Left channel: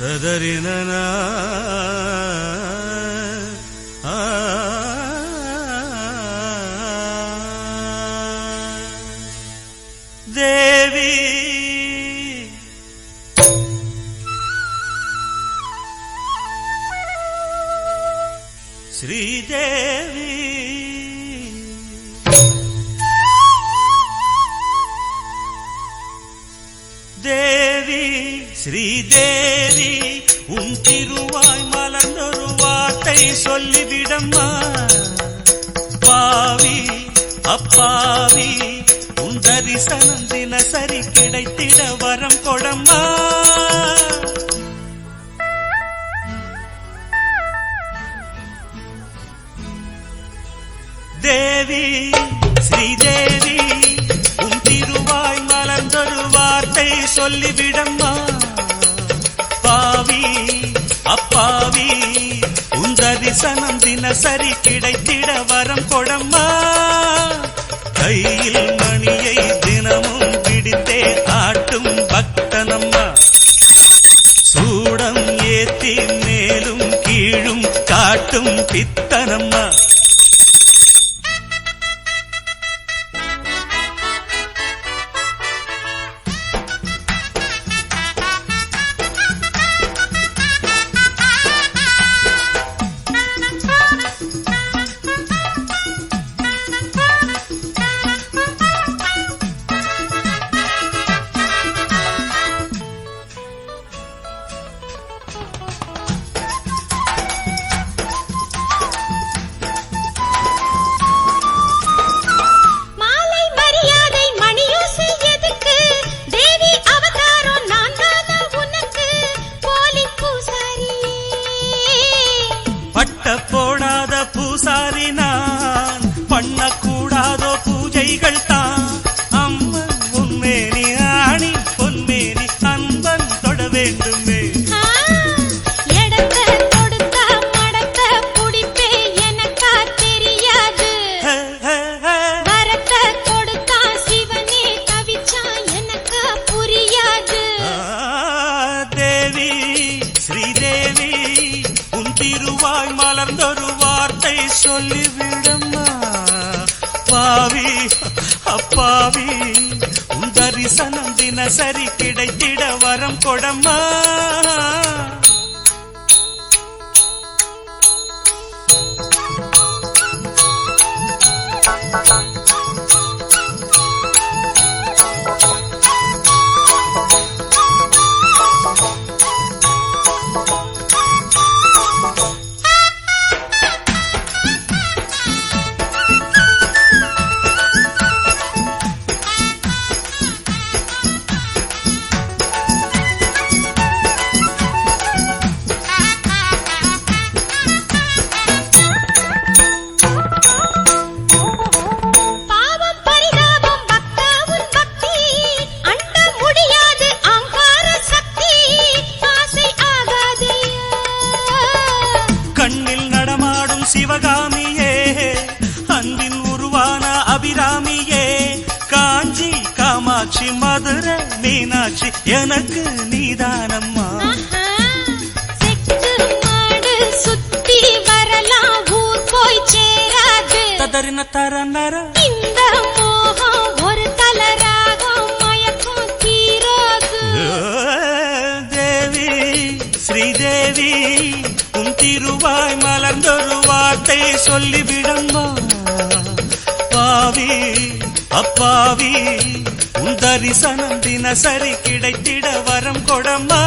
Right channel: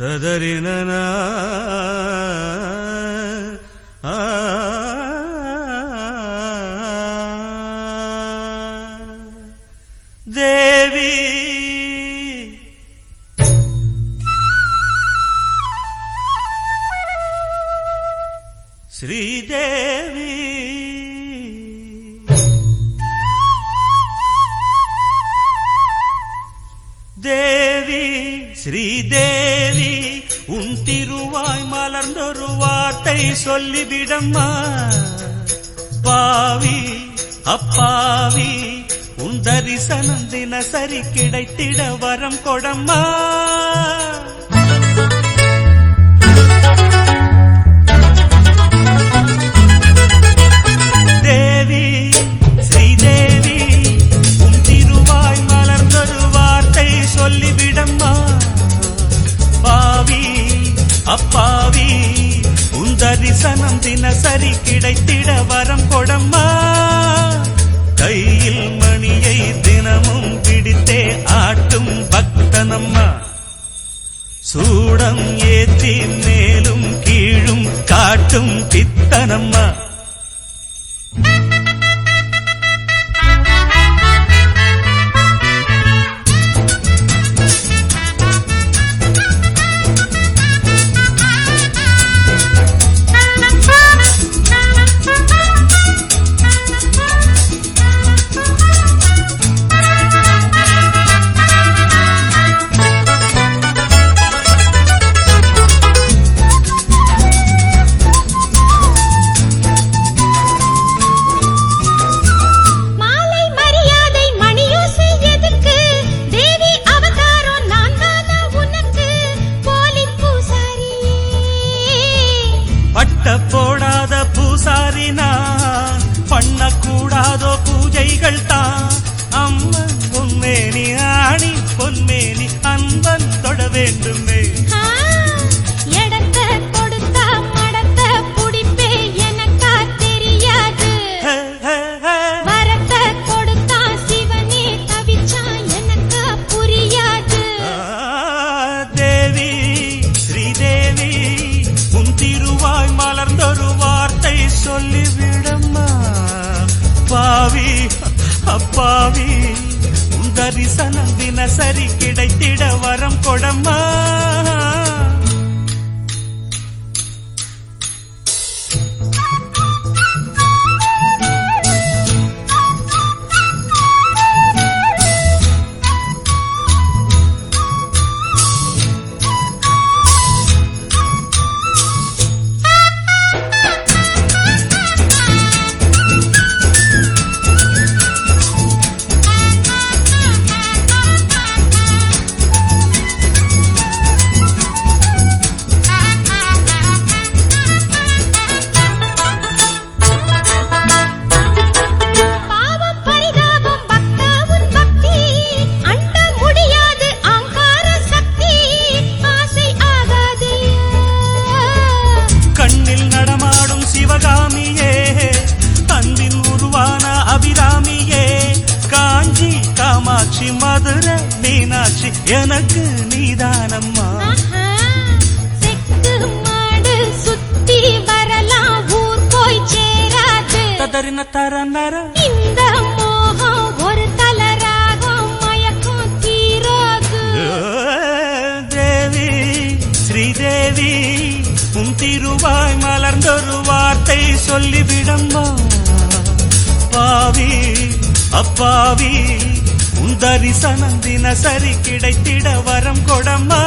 ததறினனா தேவி ஸ்ரீதேவி தேவி ஸ்ரீதேவி உன் திருவாய் மலர்ந்தொரு வார்த்தை சொல்லிவிடம்மா. பாவி அப்பாவி உன் தரிசனம் தினசரி கிடைத்திட வரம் கொடம்மா. தேவி ஸ்ரீதேவி உன் திருவாய் மலர்ந்தொரு வார்த்தை சொல்லிவிடம்மா. பாவி அப்பாவி உன் தரிசனம் தினசரி கிடைத்திட வரம் கொடம்மா. கையில் மணியை தினமும் பிடித்தே ஆட்டும் பக்தனம்மா. சூடம் ஏத்தி மேலும் கீழும் காட்டும் பித்தனம்மா. போடாத பூசாரி நான் பண்ணக்கூடாதோ பூஜைகள் தான். அம்மன் உன்மேனி ஆணி பொன்மேனி அன்பன் தொட வேண்டுமே. எடத்த கொடுத்த மடத்த புடிப்பே எனக்கா தெரியாது. வரத்த கொடுத்தா சிவனே தவிச்சா எனக்கா புரியாது. தேவி ஸ்ரீதேவி உன் திருவாய் மலர்ந்தொரு வார்த்தை சொல்லிவிடம்மா. பாவி அப்பாவி உன் தரிசனம் தினசரி கிடைத்திட வரம் கொடம்மா. கண்ணில் நடமாடும் சிவகாமியே அன்பின் உருவான அபிராமியே. காஞ்சி காமாட்சி மதுரை மீனாட்சி எனக்கு நீதானம்மா. செக்கு மாடு சுத்தி வரலாம் ஊர் போய் சேராது. ததறின தரநர இந்த மோகம் ஒரு தலராகம் மயக்கம் தீராது. தேவி ஸ்ரீதேவி உன் திருவாய் மலர்ந்தொரு வார்த்தை சொல்லிவிடம்மா. பாவி அப்பாவி உன் தரிசனம் தினசரி கிடைத்திட வரம் கொடம்மா.